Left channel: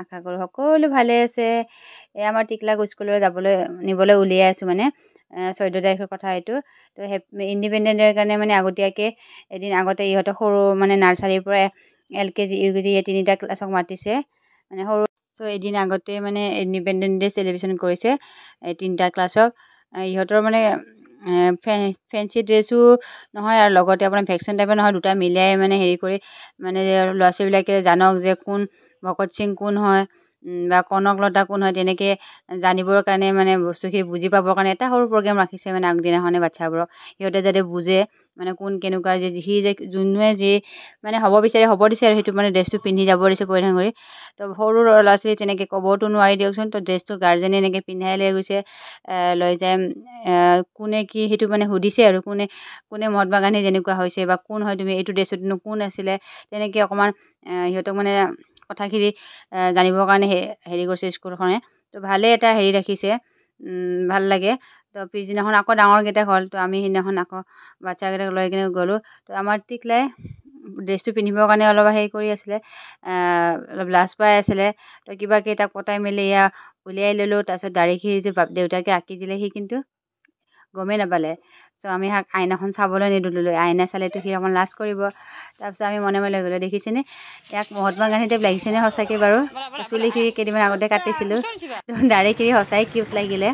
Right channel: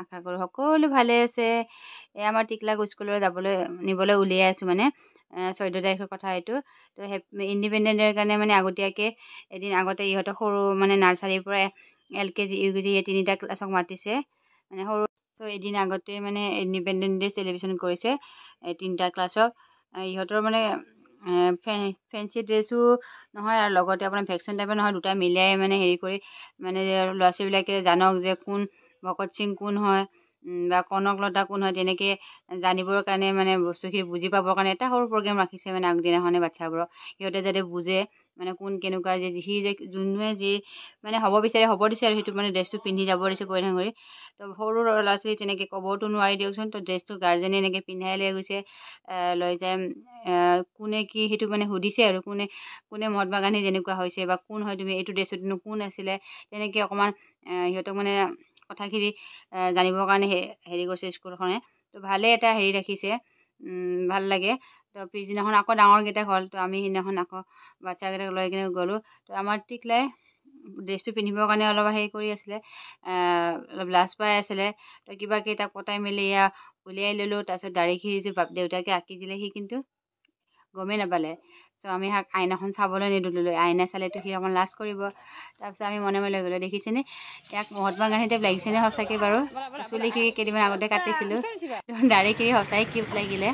আশা কৰোঁ সকলো ভালে আছে। আমাৰ টিকলাক স্কুললৈ নিবলৈ উলিয়াই আছোঁ মানে 14 তাৰিখৰ কথা এইটো। তো ইণ্ডিপেণ্ডেন্ট ডেৰ কাৰণে মানে আগতীয়াকৈ এদিন আগতে ইহঁতক সৰু মানে নাৰ্চাৰীৰ পৰা LKG UKG এই 3টা ক্লাছক মাতিছে মানে সৰু। চ' এদিন আগতে মানে ইণ্ডিপেণ্ডেন্ট ডে চেলিব্ৰেশ্যন কৰিছে এই 3টা ক্লাছক। ইহঁতৰ মানে ফেঞ্চি ড্ৰেছো নহয় আৰু লগতে আপোনাৰ ভেকচিন টাইপৰ নহয়, দুটা মিলাই মানে হেৰি কৰি মানে ল'ৰা ছোৱালীবিলাকে জানক যে কোন ভকত সিং কোন হয় বা কনকলতা কোন হয়, তেনেকৈ জানিবৰ কাৰণে মানে বস্তুখিনি বুজি পাবৰ কাৰণে এটা সৰু প্ৰগ্ৰেম ৰাখিছে মানে আগদিনাখনে বাচ্ছাবোৰক। সিহঁতে যাতে বুজে মানে কোন কেনেকুৱা যে যোনে যি মানে হ'ব বিচাৰে হ'ব দিছে আৰু সেইটো মানে ড্ৰেছটো পিন্ধি যাব দিছে পৰিধান কৰি। তো সৰু ল'ৰা ছোৱালী তেনেকৈ ক'বতো নোৱাৰি দিয়কচোন। তো ড্ৰেছটো গাৰ্জেনে এনেকৈ পিন্ধাই লৈ গৈছে, লৈ যায় কোনে কি সেইটো মানে সুধিছে আৰু কোনে মহাত্মা গান্ধী যেনেকুৱা হৈছে বা কোন হয় তুমি, এইটো ড্ৰেছতনো কোন আছিলে, তেনেকৈ অকণমান সিহঁতক মানে কথাখিনি জানিবৰ কাৰণে হেৰি কৰিছে স্কুলখনে। তো ভালে এটা হেৰি ৰাখিছে, ভাল লাগে। তো পিছদিনাখন আকৌ ডাঙৰকেইটা হ'ল। তো আমি সেইদিনাখন আকৌ বাচ্ছাকেইটাক লৈ কিনে গ'লোঁ। তো আমাৰ টিকলাই ড্ৰেছটো পিন্ধিবৰ কাৰণে অলপ হেৰি কৰি আছিলে, অলপ লাজ পাই আছিলে। তো কিবাকৈ তাক পতাই মেলি উলিয়াই ল'লোঁ। তাৰপিছত দাঢ়িখিনি যে দেউতাকে আঁকি দিলে সি কিন্তু গমেই নাপালে। চ' আমি আইনাখন চাবলৈ নিদিলোঁ, আইনা চালেতো সি অকণমান লাজ কৰিব। তাৰপিছত আমি মনে মনে গ'লোঁ। দেখিছেনে ইয়াক মহাত্মা গান্ধী টাইপ লাগিছেনে সঁচাকৈ বাৰু? চুলিখিনি কেইদিনমান আগতে কাটিছিলোঁ, দাঢ়িখিনি সঁচাই কিউট লাগিলে।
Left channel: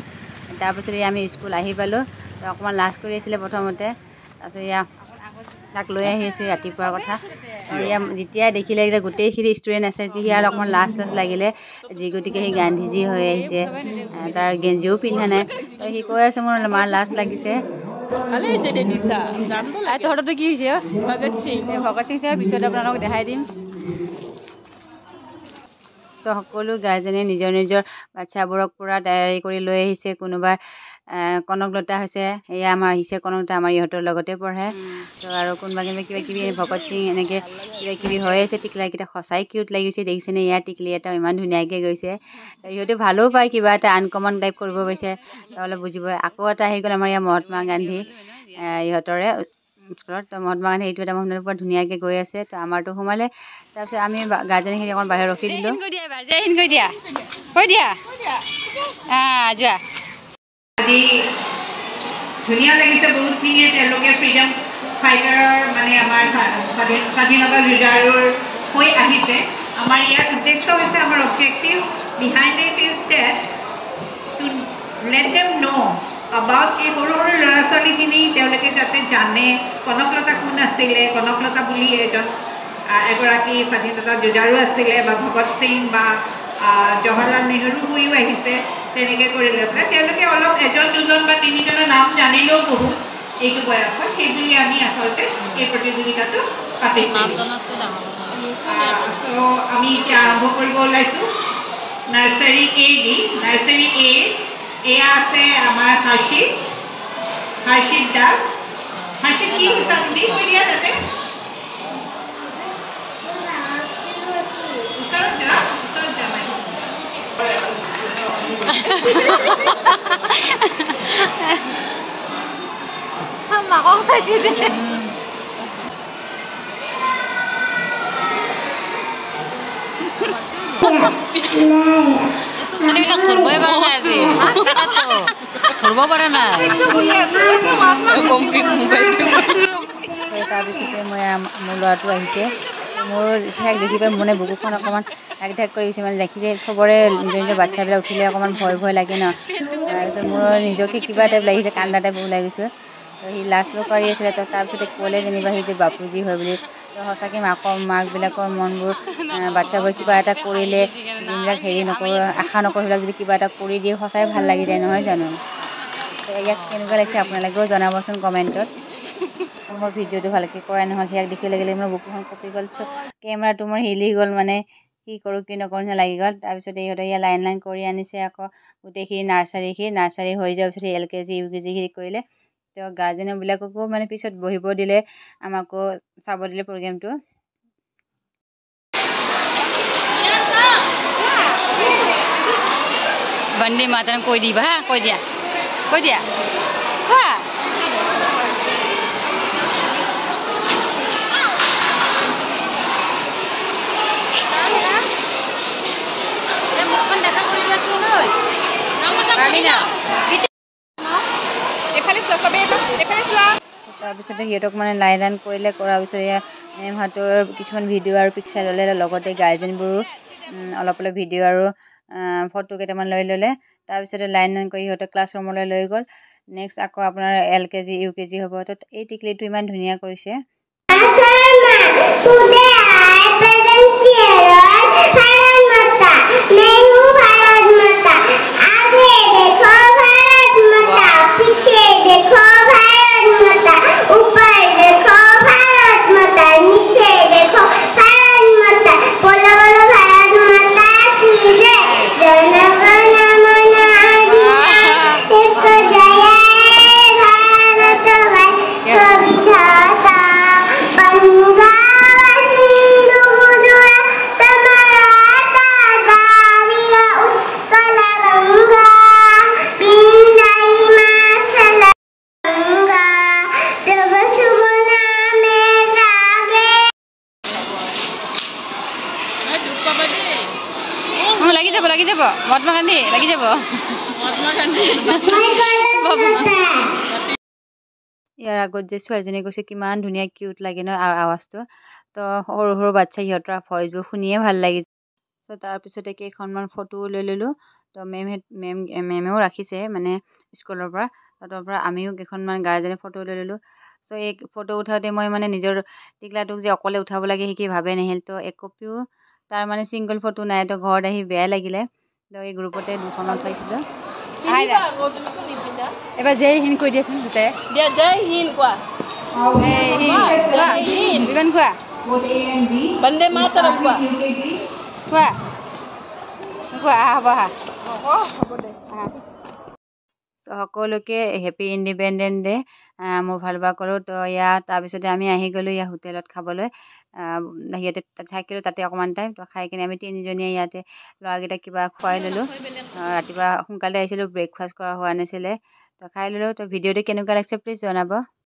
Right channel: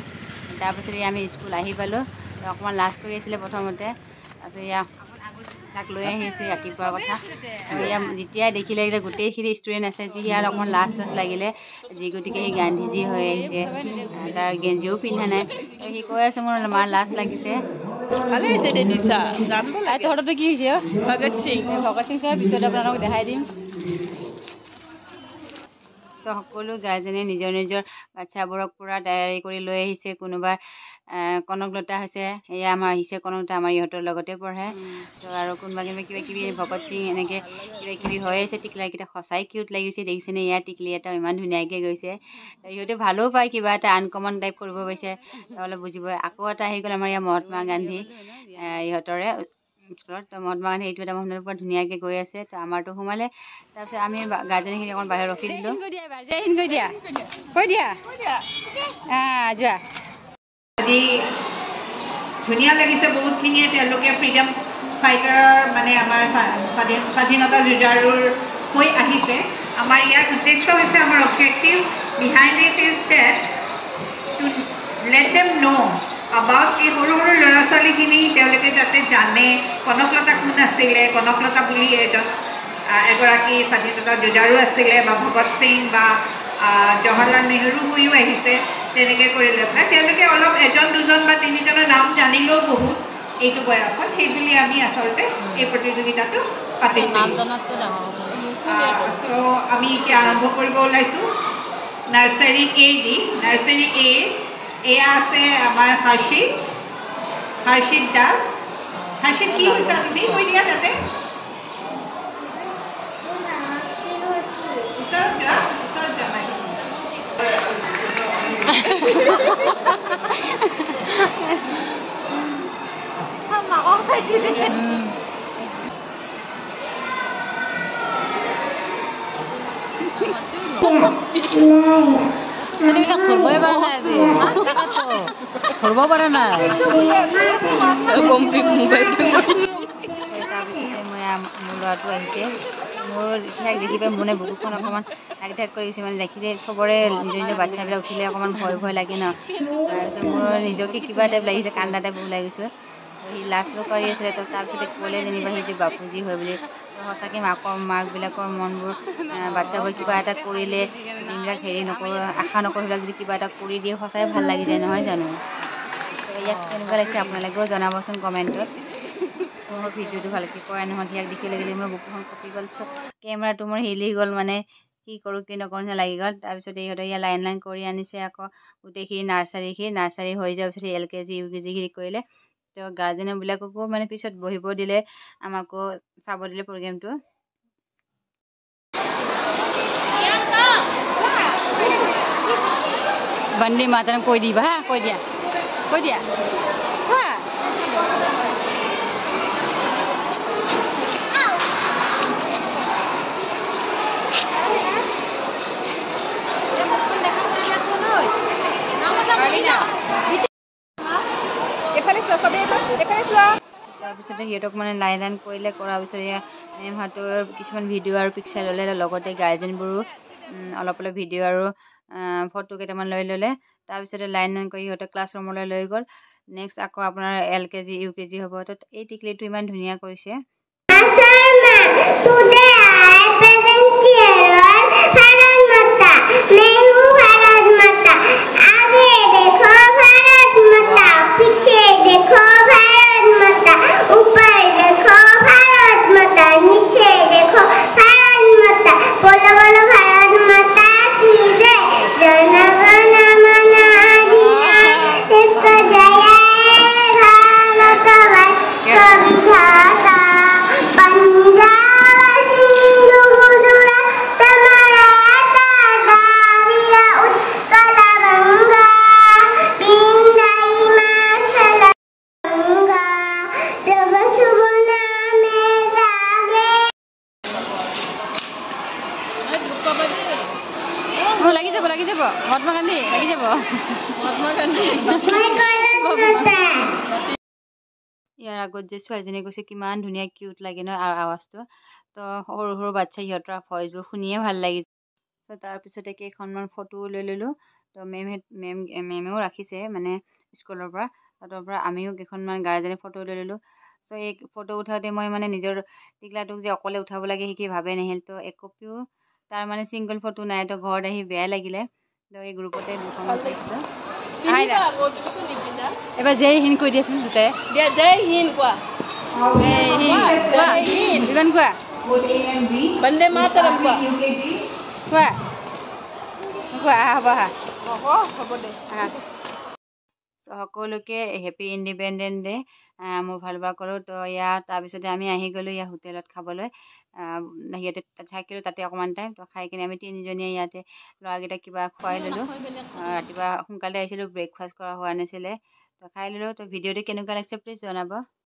তাৰপিছত আমি স্কুল আহি পালোঁ। অকণমান লাজ কৰি আছিলে প্ৰথমতে। তাৰপিছত তাক লৈ আহিছোঁ ৰাতিপুৱাৰ কথা। যেতিয়াই দেখিলে যে গোটেইখিনি ষ্টুডেণ্ট আছে সি আৰু অকণমান লাজ লাগিলে, যি গতিকে সি গান্ধীজী হৈ আহিছে। তাৰ গেঞ্জিও পিন্ধা নাই। তো সি কৈ আছে মোৰ মাৰ লাজ লাগিছে। তহঁতৰতো কি হৈছে ভগত সিং পিছত আপোনালোকক দেখাই দিম। চ' সকলো গাৰ্জেনে নিজৰ নিজৰ বাচ্ছাবোৰক পূৰা তৈয়াৰী কৰি লৈ আহিছে। কোনোবা কনকলতা হৈছে, এয়া আমাৰ আহিছে কনকলতা, আমাৰ ইহঁতৰ লগতে পঢ়ে। ত' আৰু কোনোবা কিবা কিবি ভগত সিং এনেকৈ কিবা কিবি হৈ আছে। টিকলাকেইটা সঁচাই কিউট লাগিছে, দেখিছেনে ইয়াৰ টিকলি এটা ইমান ধুনীয়াকৈ গৈছে। ইহঁতে ভালো পায়, কিবা এটা আনকমন টাইপ কৰিব পাৰিছে, অলপ বুজিব। আকৌ এটা আহি গ'ল আমাৰ ইয়াৰ মহাত্মা গান্ধী ইহঁতৰে স্কুলত। মহাত্মা গান্ধী এইটো এটা মহিলাৰ পৰা ধুনীয়াকৈ গৈ আছে। তো আমাৰতো সোমালে। তাৰপিছত আমি গাৰ্জেনখিনি অকণ বাহিৰত ৰখি দিলোঁ। যোৱা আজি ধুনীয়া লাগিছে বহুতখিনিয়ে। তেওঁলোকে ফ্ৰীডম ফাইটাৰৰ মানে আমাৰ স্বাধীনতা যুঁজাৰুৰ হৈ আহিছে। আমাৰ ইয়াৰ উদ্দেশ্য হৈছে, আমাৰ objective behind it is that to let them know' about এই সৰু সৰু ল'ৰা ছোৱালীখিনি তেওঁলোকে যাতে জানে কনকলতা কোন আছিলে, কনকলতা বুলি এগৰাকী স্বাধীনতা যুঁজাৰু আছিলে, বা ভগত সিং বা জৱাহৰলাল নেহৰু হৈও আহিছে। তেনেকৈ কৰি লৈ পেলাই তেওঁলোকে অলপ এজন দুজন বা তিনিজনৰ নাম জানিলেও বহুত এইটো বয়সত, সেইবুলি আমি আচলতে এই প্ৰতিযোগিতাটো পাতিছোঁ। ত' আমি এতিয়া আৰম্ভ কৰিব ওলাইছোঁ nursery A the. Nursery A এয়া আছে আমাৰ হৰ্ষিত দাস। হৰ্ষিত কি হৈছে আপুনি কৈ দিয়া তাতে। ওচৰত যোৱা মাকক চাইছি ছোৱালীবিলাক ধৰিবই পৰা নাই আজি, ধৰিব পৰা নাই। তাৰপিছতে মোৰ ল'ৰাটো আহিছে। মোৰ সেয়াক দেখি পাই মানে বুকুখন অকণমান ঢাক ঢাক কৰি গৈছে। মানে দেখি যে চবৰে নিজৰ নিজৰ বাচ্ছাবিলাক উঠিলে অকণমান ভয় লাগে ন। তাৰপিছত মোৰ নিজকে কিবা টাইপ লাগিছে, কান্দা টাইপ ওলাই গৈছোঁ। সি লাজ কৰি আছিলে। তাৰপিছতে ক'লে যেনিবা সি যে বাপুজী হয় বুলি। তো সঁচাকৈ মাকবিলাকৰ মনবোৰ, বাচ্ছাবোৰ কিবা এটা কৰিলে যোনবিলাক হেৰি নকৰোঁ আশা নকৰোঁ, সেইবিলাক যদি কিবা এটা কৰি দিয়ে সঁচাই ভাল লাগি যায়, নহয় জানো? তো ইয়াক কেনেকুৱা লাগিছে আপোনালোকেও জনাবচোন কমেণ্টত। মোৰ ভিডিঅ'টো ভালকৈ কৰাই নহ'ল, সিয়াক দেখি লাগিলে মোৰ বুকুখন কঁপি গ'ল। কেমেৰাটো মোৰ হিলি গ'ল, মানে কি কৰোঁ কি নকৰোঁ নিচিনা লাগি গ'ল। তাৰপিছতে ইহঁতে ইয়াত লাইন কৰি আনিছে। আকৌ গোটেইখিনি নাৰ্চাৰী হৈ যোৱাৰ পিছত LKG UKG কৰিলে। তো গাৰ্জেনবিলাককো মানে পিছত বহিব দিলে, আমাকো চাব দিলে প্ৰগ্ৰেমটো। বন্দে মাতৰম কৈ দিবা হা, কৈ দিয়া কোৱা। তাৰপিছতে সিহঁতক মানে লাইন কৰিলে, কৰাৰ পিছত এয়া মেমহঁতৰ কিছুমান ভিডিঅ' আৰু পিকচাৰ ল'লে, লগতে গাৰ্জেনবোৰো অলপ অলপ ভিডিঅ' আৰু ফটো কেইটামান লৈ ল'লে। তাৰপিছতে লাইন কৰি সিহঁতক ক্লাছৰুমলৈ লৈ গ'ল। নেক্সট আকৌ আপোনাৰ LKG UKG হ'ব। তো এই টিকলিটো ইমান ধুনীয়া কৰিছে। লাগি যাব মহাত্মা গান্ধী লাগি যাব। ইয়াৰ আগত যে ছোৱালীজনী কৈছে কিমান ধুনীয়া কিউট লাগে ন আৱাজটো। তো সৰু সৰু বাচ্ছা সিহঁতৰ ভইচবোৰ শুনিয়ে ভাল লাগিছে। তো তাৰপিছতে কেইখনমান ফটো লৈ ল'লোঁ। তো মেমেও ৰাখিছে মানে স্কুলৰ পৰা। তাৰ পৰা আমিও কেইখনমান গাৰ্জেনে ফটো লৈ ল'লোঁ। চ' এই ফটো উঠাওঁতে মই মানে নিজৰ টিকলাটোক যে অকলে উঠাব লাগে সেইখিনি ভাবে নাহিল। তো এক কপিও তাৰ মানে ছিংগল ফটো নাই। তো ঘৰত আহি বেয়া লাগিলে। তো এই গ্ৰুপতে দুখন উঠাইছিলোঁ। এবাৰ জয় হিন্দ কৈ দিয়াচোন দুটাই। জয় হিন্দ কোৱা। বিমান কোৱা। বন্দে মাতৰম কোৱা। কোৱা কোৱা হ'ব আহা হ'ব দে। সকলোকে হেপী ইণ্ডিপেণ্ডেন্ট ডে মোৰ ফালৰ পৰা কৰোঁ। তো তাৰপিছতে আমি আহি গ'লোঁ ইয়াৰ হোটেলত খাবলৈ। সিহঁতে থাকিলোঁ তাতে অকণমান টাইম। তো খাই কিনে আমি তিনিজনীয়ে ইয়াতে ল'ৰাকেইটাক কিবা খুৱাই ল'লোঁ। ৰাতিপুৱা সোনকালে আহিছিলোঁ, ব্ৰেকফাষ্ট কৰা হোৱা নাছিলে। তো খাই ল'লোঁ। তো ভিডিঅ'টো কেনেকুৱা লাগিছে প্লিজ জনাব।